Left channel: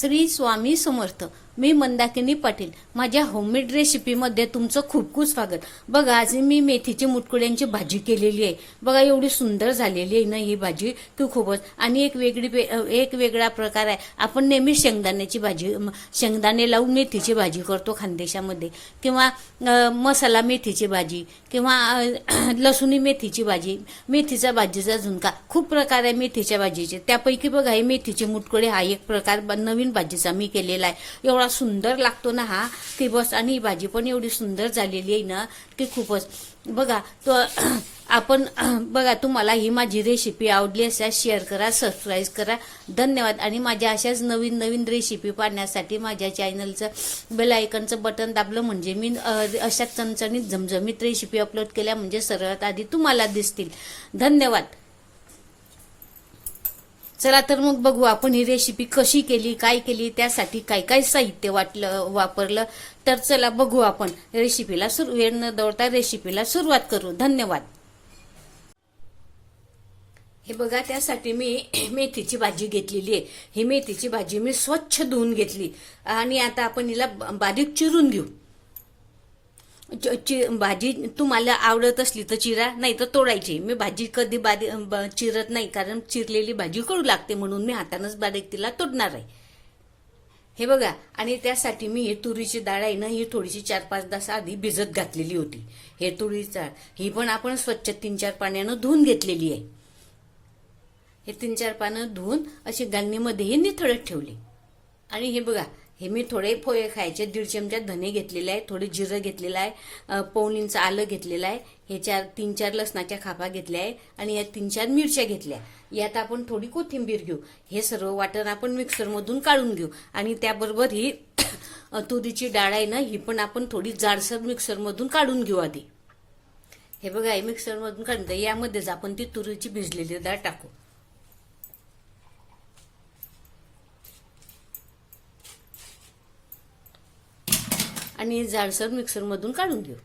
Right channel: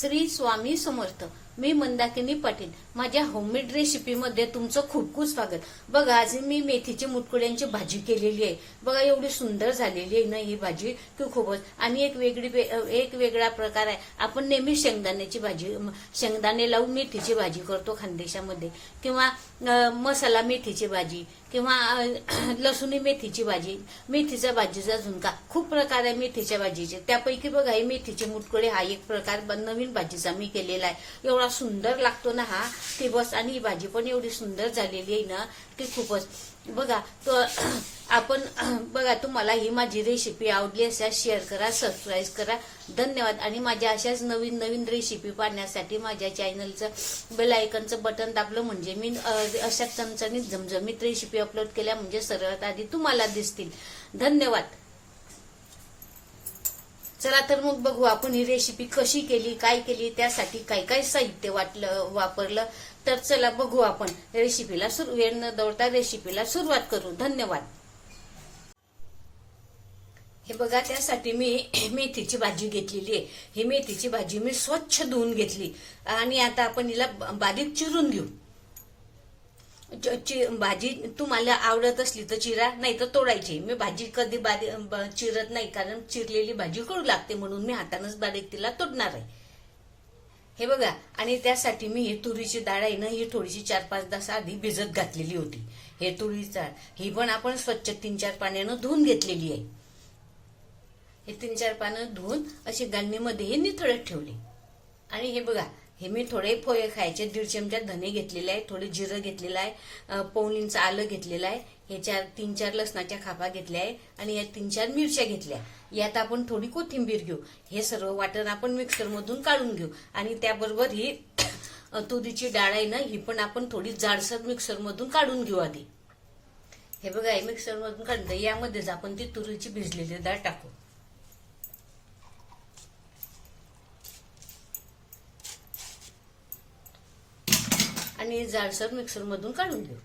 श्री स्वामी समर्थ मी मंदाकिनी पाटील. माझ्या होममेड रेसिपीमध्ये तुमचं खूप खूप स्वागत. बघा आज मी मेथीची मुटकुड्यांची भाजी केलेली आहे. बघा एवढी सुंदर झालेली आहे ना ही भाजी. की खूपच. आणि एक वेगळी वे- एक वेगळा प्रकार आहे. आपण नेहमी शेंगदाण्याची भाजी शेंगदाणे लावून मेथीची भाजी करतो खानदेशामध्ये. किंवा मसाला मेथीची भाजी किंवा लसूणी लसुणी मेथीची भाजी. मेथीचा भाजीचा झुणका. खूप प्रकार आहे मेथीच्या भाजीचे. त्यापैकी बघा हे मेथीचे मुटकुळे हा एक प्रकार नवीन भाजीचा मी केलेला आहे. एवढा सुंदर लागतो ना हा की बस. आणि ही भाजी पण एवढी सुंदर झालेली आहे ना की खूपच. बघा तो आपण बघा तुम्हाला ही माझी रेसिपी आवडली असल्यास शेअर करा सबस्क्राईब करा. धन्यवाद. आणि माझ्या अशाच नवीन नवीन रेसिपी पाहण्यासाठी माझ्या चॅनलचं बेल आयकनचं बटन दाबलं म्हणजे मी अशा चमचणीत झमझमीत रेसिपी अपलोड केल्या म्हणजे सर्वात आधी तुम्हाला दिसतील. धन्यवाद. चला तर मग बघू आपण ही रेसिपी कशी केली काय केली त्यासाठी काय काय साहित्य वाटलं वापरलं. तर चला बघू आपण. रेसिपीला सुरू वेळ न दौडता रेसिपीला सुरुवात करू. धन्यवाद. हे बघा त्यासाठी मी मेथीची भाजी घेतलेली आहे. ही मेथीची भाजी मी स्वच्छ धुवून घेतली. आणि आता आपण हिला बारीक चिरून घेऊ. च- चि- भाजी तुम्हाला आवडत असली तर चिरा नाही तर तोडायची मी भाजी कधी बारीक ब- चिरत नाही कारण चिरलेली भाजी कडू लागते म्हणून मी हातानंच बारीक तिला तोडणार आहे. हे बघा आणि त्यासाठी मी हे तुरीची डाळ आहे ना ही थोडीशी चार पाच तास आधी भिजत घातलेली होती. हे तुरीची डाळ ही पण आपण स्वच्छ तीन चार पाण्यानं धुवून घेतलेली आहे. हे तीन चार पानं धुवून अशी गांधीमध्येही निथळत ठेवली. आणि हे बघा हे मी थोडे पोहे खायचे दीड चमचा धने घेतलेले आहे थोडे जिरं घेतलेलं आहे अं, इंच आलं घेतलेलं आहे हे चार तीन चार लसणाच्या खापा घेतल्या आहे आणि या तीन चार मिरच्या घेतल्या. यात आपण थोडी कोथिंबीर घेऊ. हे सर्व वाटण आपण मिक्सरमधून काढून घेऊ. आणि त्याबरोबर ही तुरीची डाळ आहे ना ही पण आपण थोडी जाडसर मिक्सरमधून काढून घेऊ आधी. हे बघा हे मिक्सरमधून काढून घ्या. यामध्येच आपण ती तुरीची भिजलेली डाळ टाकू. आणि जाडसर मिक्सरमधून काढून घेऊ.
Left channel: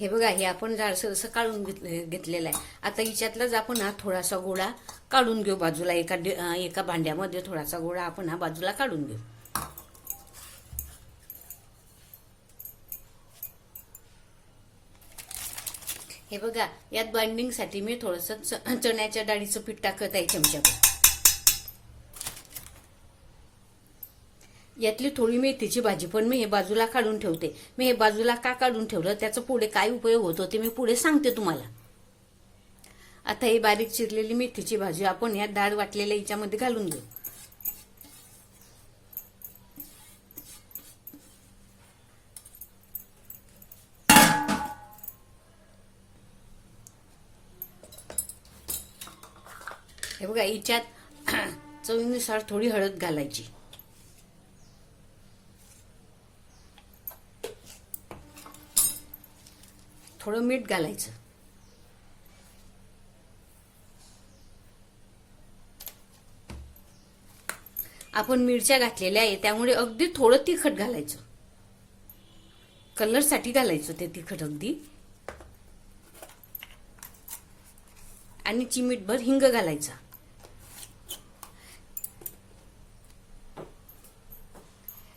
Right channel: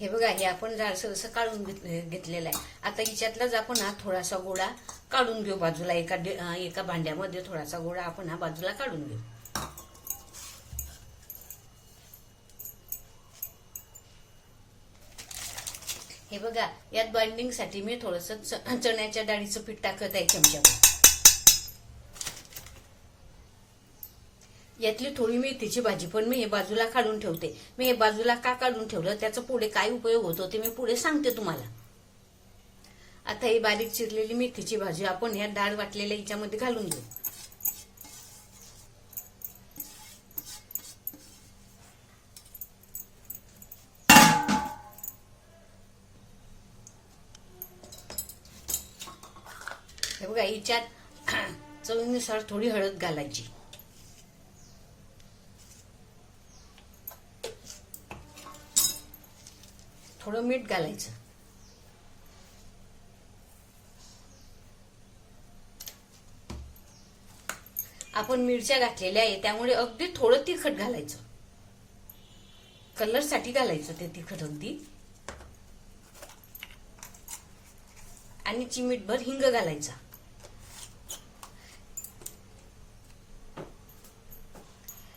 हे बघा हे आपण जाडसरसं काढून घेत- घेतलेलं आहे. आता हिच्यातलाच आपण हा थोडासा गोळा काढून घेऊ बाजूला. एका डे- एका भांड्यामध्ये थोडासा गोळा आपण हा बाजूला काढून घेऊ. हे बघा यात बाइंडिंगसाठी मी थोडंसं चण्याच्या डाळीचं पीठ टाकत आहे चमच्यावर. यातली थोडी मेथीची भाजी पण मी हे बाजूला काढून ठेवते. मी हे बाजूला का काढून ठेवलं? त्याचा पुढे काय उपयोग होतो ते मी पुढे सांगते तुम्हाला. आता ही बारीक चिरलेली मेथीची भाजी आपण या डाळ वाटलेल्या याच्यामध्ये घालून घेऊ. हे बघा हिच्यात चवीनुसार थोडी हळद घालायची. थोडं मीठ घालायचं. आपण मिरच्या घातलेल्या आहे त्यामुळे अगदी थोडं तिखट घालायचं. कलरसाठी घालायचं ते तिखट अगदी. आणि चिमीटभर हिंग घालायचा.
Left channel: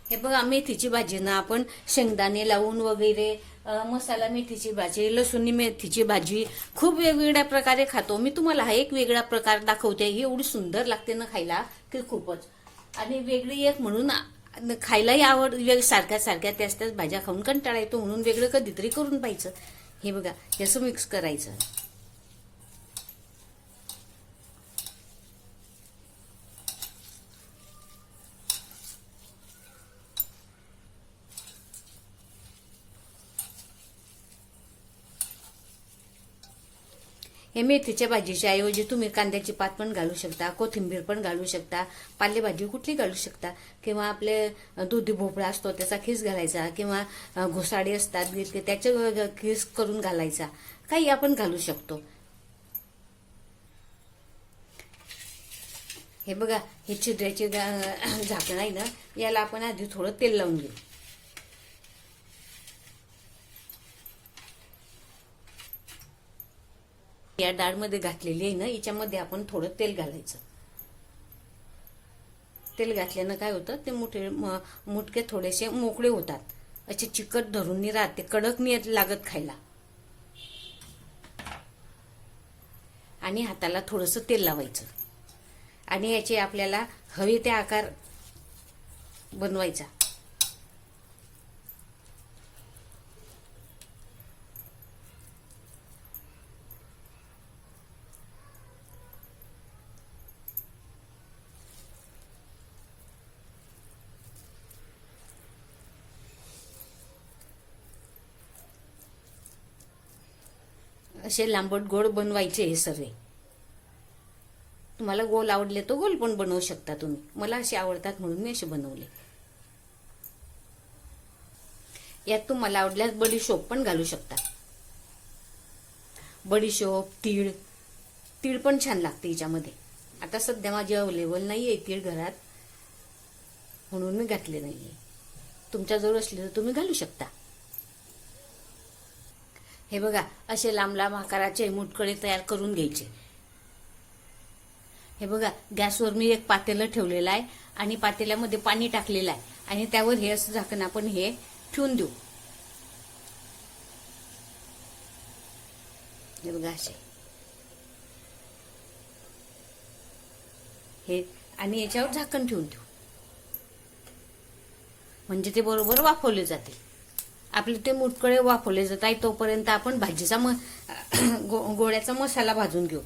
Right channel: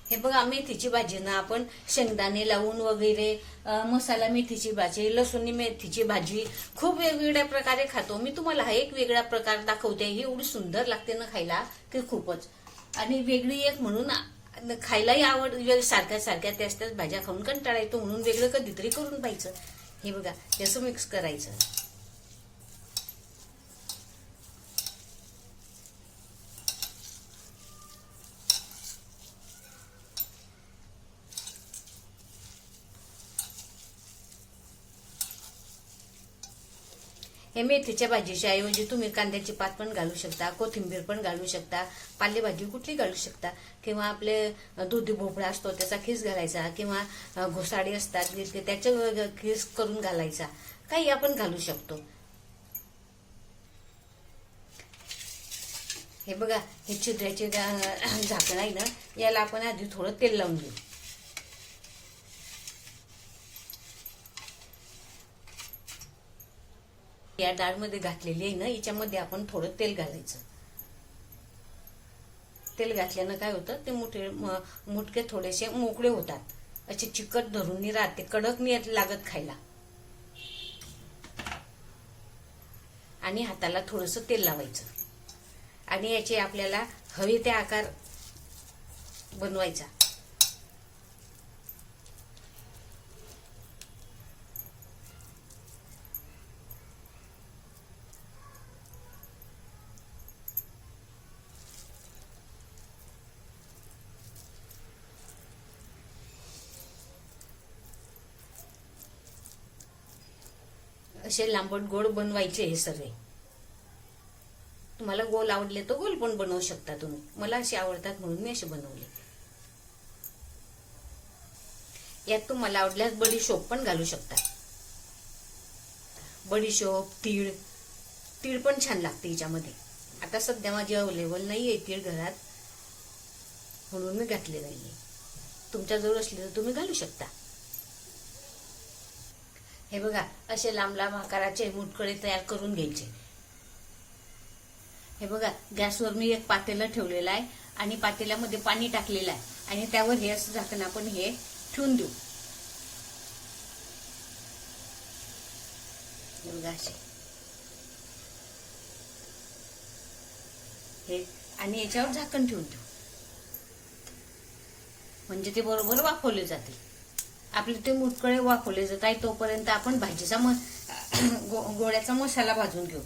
हे बघा मेथीची भाजी ना आपण शेंगदाणे लावून वगैरे मसाला मेथीची भाजी लसूणी मेथीची भाजी खूप वेगवेगळ्या प्रकारे खातो. मी तुम्हाला हा एक वेगळा प्रकार दाखवते. ही एवढी सुंदर लागते ना खायला. की खूपच. आणि वेगळी एक म्हणून खायलाही आवड सारख्या सारख्या त्याच त्याच भाज्या खाऊन कंटाळा येतो म्हणून वेगळं कधीतरी करून पाहिजे हे बघा याचं मिक्स करायचं. हे मेथीच्या भाजीच्या ऐवजी तुम्ही कांद्याची पात पण घालू शकता कोथिंबीर पण घालू शकता पालेभाजी कुठली घालू शकता किंवा आपले दुधी भोपळा असतो त्याचा खीस घालायचा किंवा घोसाडी असतात ते खीस करून घालायचा काही आपण घालू शकतो. हे बघा हे छिद्राचे झाकण आहे ना याला आपण आधी थोडं तेल लावून घेऊ. या डाळमध्ये घातलेली आहे ना याच्यामध्ये आपण थोडं तेल घालायचं. तेल घातल्यानं काय होतं ते मुठे मुटके थोडेसे मोकळे होतात. असे चिकट धरून नाही राहते कडक नाही लागत खायला. आणि हाताला थोडंसं तेल लावायचं. आणि याचे आपल्याला हवे ते आकार बनवायचा. असे लांबट गोड बनवायचे हे सगळे. तुम्हाला गोल आवडले तर गोल पण बनवू शकता तुम्ही. मला असे आवडतात म्हणून मी असे बनवले. यात तुम्हाला आवडल्यास बडीशोप पण घालू शकता. बडीशोप तीळ. तीळ पण छान लागते याच्यामध्ये. आता सध्या माझी अवेलेबल नाही आहे तीळ घरात. म्हणून मी घातले नाहीये. तुमच्याजवळ असले तर तुम्ही घालू शकता. हे बघा असे लांब लांब आकाराचे मुटकळे तयार करून घ्यायचे. हे बघा गॅसवर मी एक पातेलं ठेवलेलं आहे आणि पातेल्यामध्ये पाणी टाकलेलं आहे. आणि त्यावर हे असं झाकण आपण हे ठेवून देऊ. हे बघा असे. हे आणि याच्यावर झाकण ठेवून देऊ. म्हणजे ते बरोबर वाफवले जाते. आपले ते मुटकडे वाफवले जात आहे तोपर्यंत आपण भाजीचा म गो- गोळ्याचा मसाला भाजून घेऊ.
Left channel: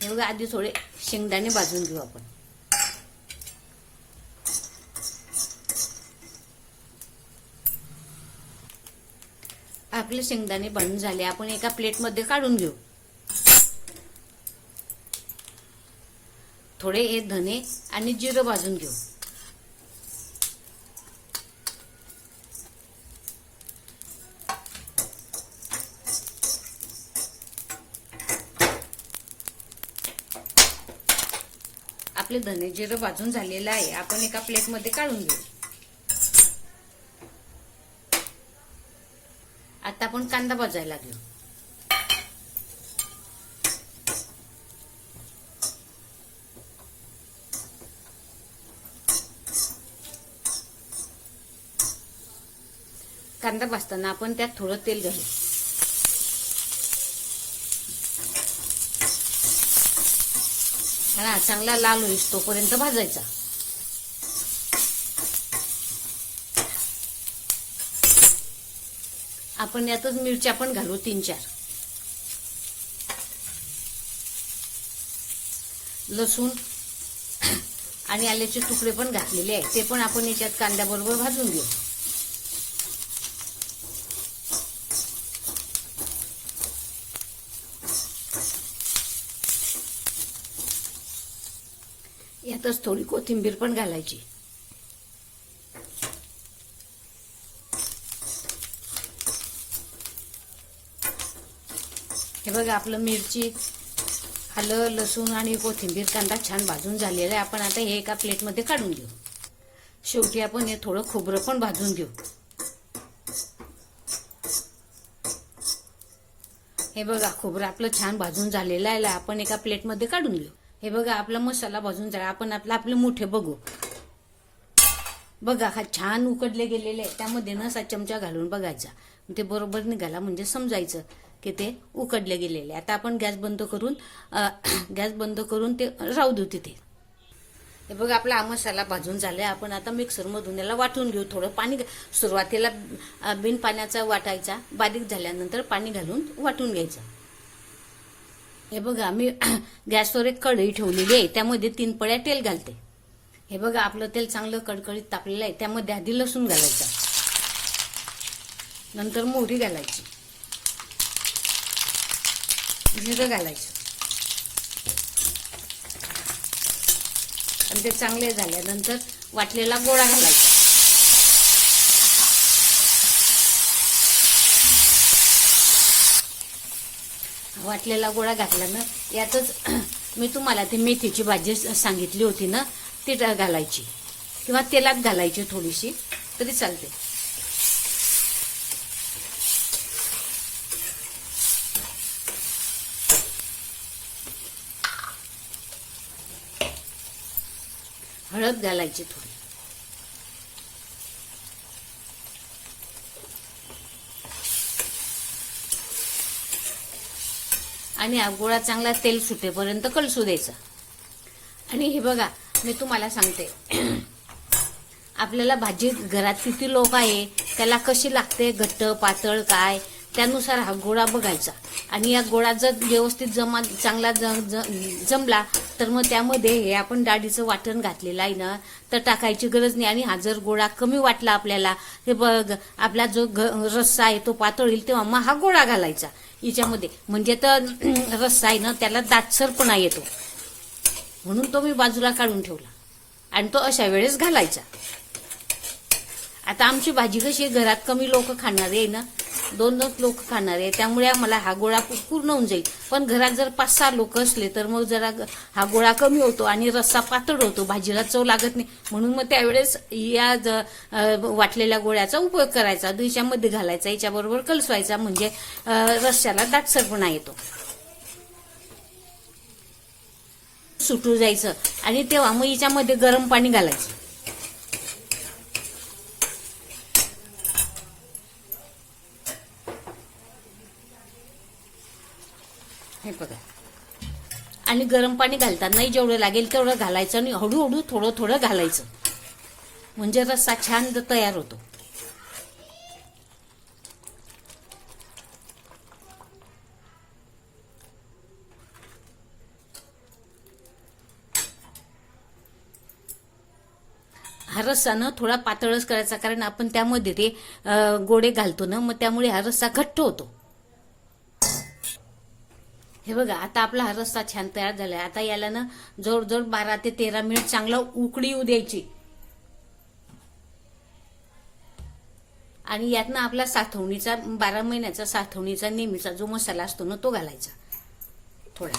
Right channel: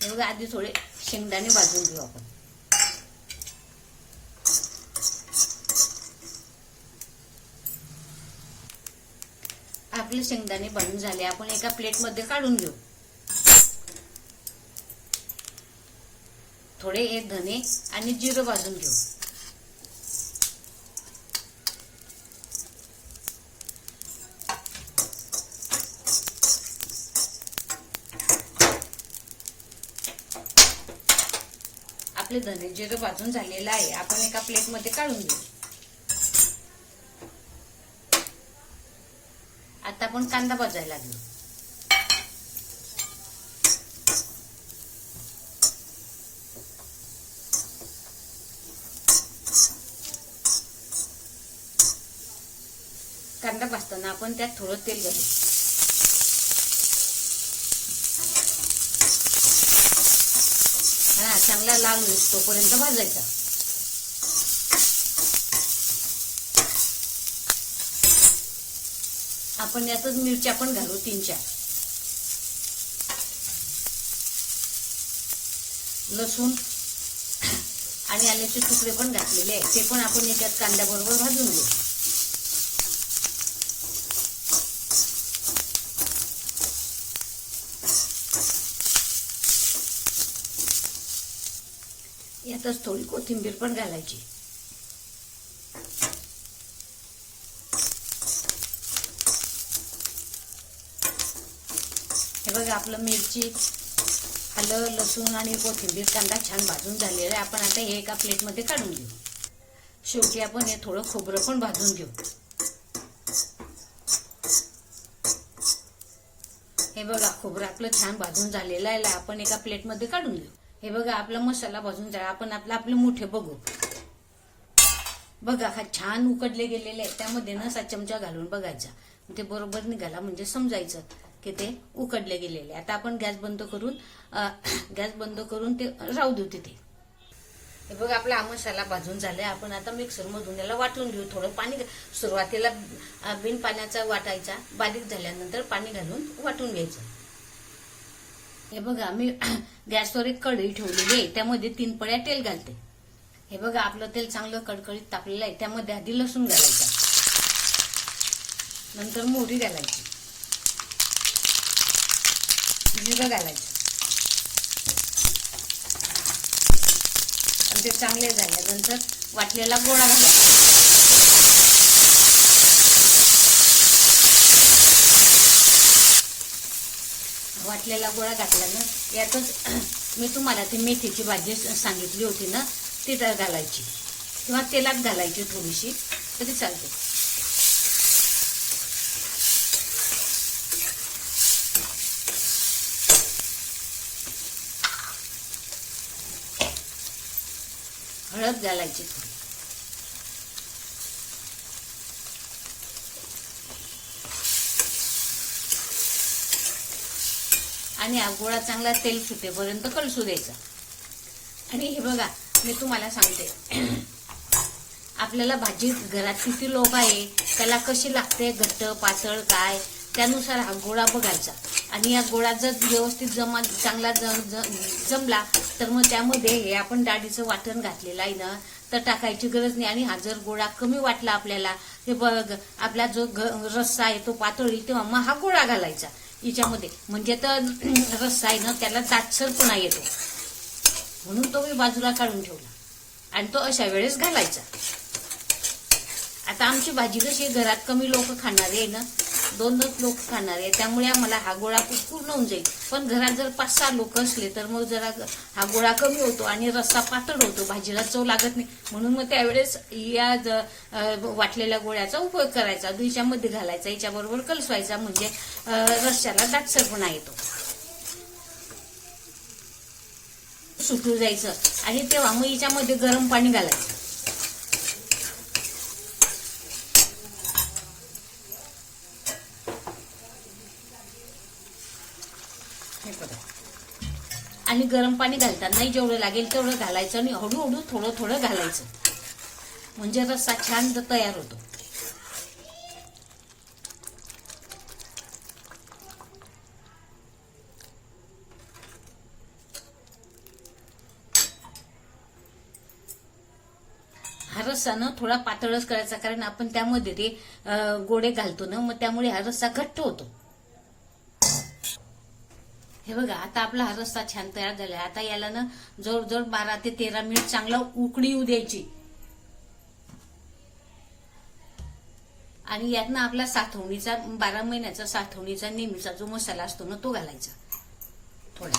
एवढं आधी थोडे शेंगदाणे भाजून घेऊ आपण. आपले शेंगदाणे भाजून झाले. आपण एका प्लेटमध्ये काढून घेऊ. थोडे हे धने आणि जिरं भाजून घेऊ. आपले धने जिरं भाजून झालेलं आहे. आपण एका प्लेटमध्ये काढून घेऊ. आता आपण कांदा भाजायला घेऊ कांदा भाजताना आपण त्यात थोडं तेल घालू. हा चांगला लाल होईल तोपर्यंत भाजायचा. आपण यातच मिरच्या पण घालू तीन चार लसूण आणि आल्याचे तुकडे पण घातलेले आहेत ते पण आपण याच्यात कांद्याबरोबर भाजून घेऊ. यातच थोडी कोथिंबीर पण घालायची. हे बघा आपलं मिरची आलं लसूण आणि कोथिंबीर कांदा छान भाजून झालेला आहे. आपण आता हे एका प्लेटमध्ये काढून घेऊ. शेवटी आपण हे थोडं खोबरं पण भाजून घेऊ. हे बघा खोबरं आपलं छान भाजून झालेलं आहे. आपण एका प्लेटमध्ये काढून घेऊ. हे बघा आपला मसाला भाजून झाला. आपण आपलं आपले मोठे बघू. बघा हा छान उकडले गेलेले आहे त्यामध्ये ना असा चमचा घालून बघायचा. ते बरोबर निघाला म्हणजे समजायचं की ते उकडले गेलेले. आता आपण गॅस बंद करून गॅस बंद करून ते राहू देऊ तिथे. हे बघा आपला हा मसाला भाजून झालाय. आपण आता मिक्सरमधून याला वाटून घेऊ. थोडं पाणी सुरुवातीला बिन पाण्याचा वाटायचा. बारीक झाल्यानंतर पाणी घालून वाटून घ्यायचं. हे बघा मी गॅसवर एक कढई ठेवलेली आहे. त्यामध्ये तीन पळ्या तेल घालते. हे बघा आपलं तेल चांगलं कडकडीत तापलेलं आहे. त्यामध्ये आधी लसूण घालायचं. नंतर मोहरी घालायची. जिरं घालायचं. आणि ते चांगले झाल्यानंतर वाटलेला गोळा घालायचा. वाटलेला गोळा घातला ना यातच मी तुम्हाला ती मेथीची भाजी सांगितली होती ना ती घालायची. किंवा तेलात घालायची थोडीशी तरी चालते. हळद घालायची थोडी. आणि हा गोळा चांगला तेल सुटेपर्यंत कलसू द्यायचा. आणि हे बघा मी तुम्हाला सांगते. आपल्याला भाजी घरात किती लोक आहे त्याला कशी लागते घट्ट पातळ काय? त्यानुसार हा गोळा बघायचा. आणि या गोळा जर व्यवस्थित जमा चांगला जम जमला तर मग त्यामध्ये हे आपण डाळीचं वाटण घातलेलं आहे ना तर टाकायची गरज नाही. आणि हा जर गोळा कमी वाटला आपल्याला हे बघ आपला जो रस्सा आहे तो पातळ येईल तेव्हा मग हा गोळा घालायचा. याच्यामध्ये म्हणजे तर रस्सा आहे ना त्याला दाटसरपणा येतो. म्हणून तो मी बाजूला काढून ठेवला. आणि तो अशा वेळेस घालायचा. आता आमची भाजी कशी आहे, घरात कमी लोक खाणार आहे ना दोन दोन लोक खाणार आहे. त्यामुळे आम्हाला हा गोळा पूर्ण होऊन जाईल. पण घरात जर पाच सहा लोक असले तर मग जरा हा गोळा कमी होतो आणि रस्सा पातळ होतो. भाजीला चव लागत नाही. म्हणून मग त्यावेळेस या ज- वाटलेल्या गोळ्याचा उपयोग करायचा. दुईच्यामध्ये घालायचा. याच्याबरोबर कलसवायचा. म्हणजे रस्स्याला दाटसरपणा येतो. सुटू जायचं. आणि तेव्हा मग याच्यामध्ये गरम पाणी घालायचं हे बघा आणि गरम पाणी घालतानाही जेवढं लागेल तेवढं घालायचं आणि हळूहळू थोडं थोडं घालायचं. म्हणजे रस्सा छान तयार होतो. हा रस्सा ना थोडा पातळच करायचा कारण आपण त्यामध्ये ते गोडे घालतो ना मग त्यामुळे हा रस्सा घट्ट होतो. हे बघा आता आपला हा रस्सा छान तयार झालाय. आता याला ना जवळजवळ बारा ते तेरा मिनिट चांगला उकळी येऊ द्यायची. आणि यातनं आपला साठवणीचा बारा महिन्याचा साठवणीचा नेहमीचा जो मसाला असतो ना तो घालायचा. थोडा.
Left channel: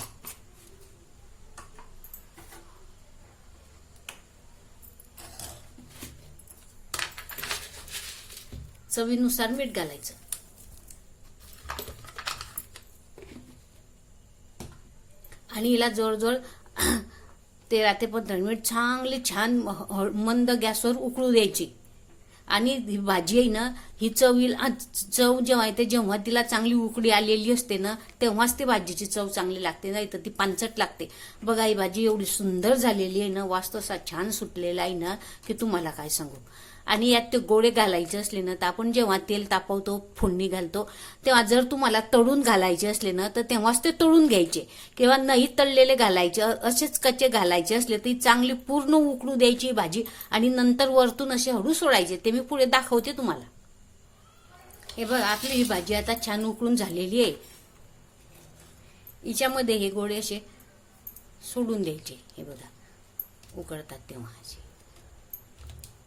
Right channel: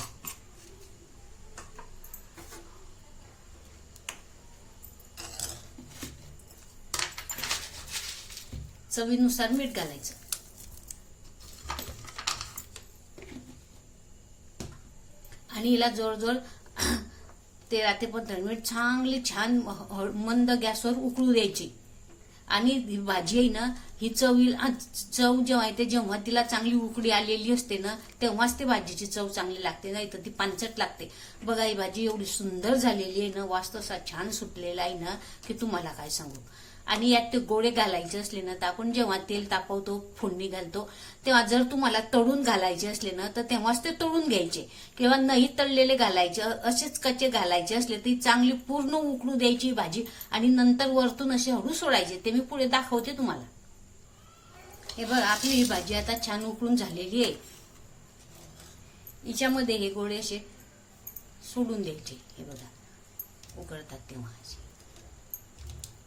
चवीनुसार मीठ घालायचं. आणि हिला जवळजवळ तेरा ते पंधरा मिनिट चांगली छान मंद गॅसवर उकळू द्यायची. आणि ही भाजी आहे ना ही चव येईल. चव जेव्हा येते जेव्हा तिला चांगली उकळी आलेली असते ना तेव्हाच ती भाजीची चव चांगली लागते. नाही तर ती पानचट लागते. बघा ही भाजी एवढी सुंदर झालेली आहे ना वास तसा छान सुटलेला आहे ना की तुम्हाला काय सांगू? आणि यात ते गोळे घालायचे असले ना तर आपण जेव्हा तेल तापवतो फोडणी घालतो तेव्हा जर तुम्हाला तळून घालायचे असले ना तर तेव्हाच ते तळून घ्यायचे. किंवा नाही तळलेले घालायचे असेच कच्चे घालायचे असले तरी चांगली पूर्ण उकळू द्यायची भाजी आणि नंतर वरतून असे हळू सोडायचे. ते मी पुढे दाखवते तुम्हाला. हे बघ आपली ही भाजी आता छान उकळून झालेली आहे. हिच्यामध्ये हे गोळे असे सोडून द्यायचे. हे बघा उकळतात तेव्हा असे.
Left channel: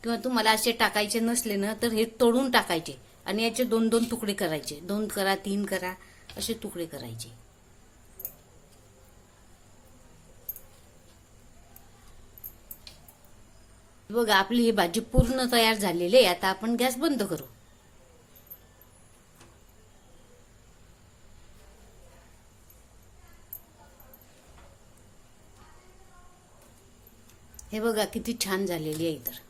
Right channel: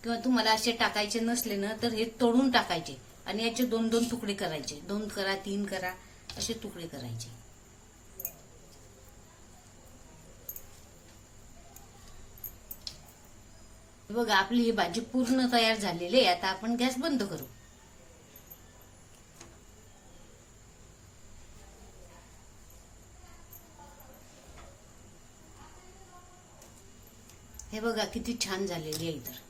किंवा तुम्हाला असे टाकायचे नसले ना तर हे तोडून टाकायचे. आणि याचे दोन दोन तुकडे करायचे. दोन करा तीन करा असे तुकडे करायचे. बघा आपली ही भाजी पूर्ण तयार झालेली आहे. आता आपण गॅस बंद करू. हे बघा किती छान झालेली आहे तर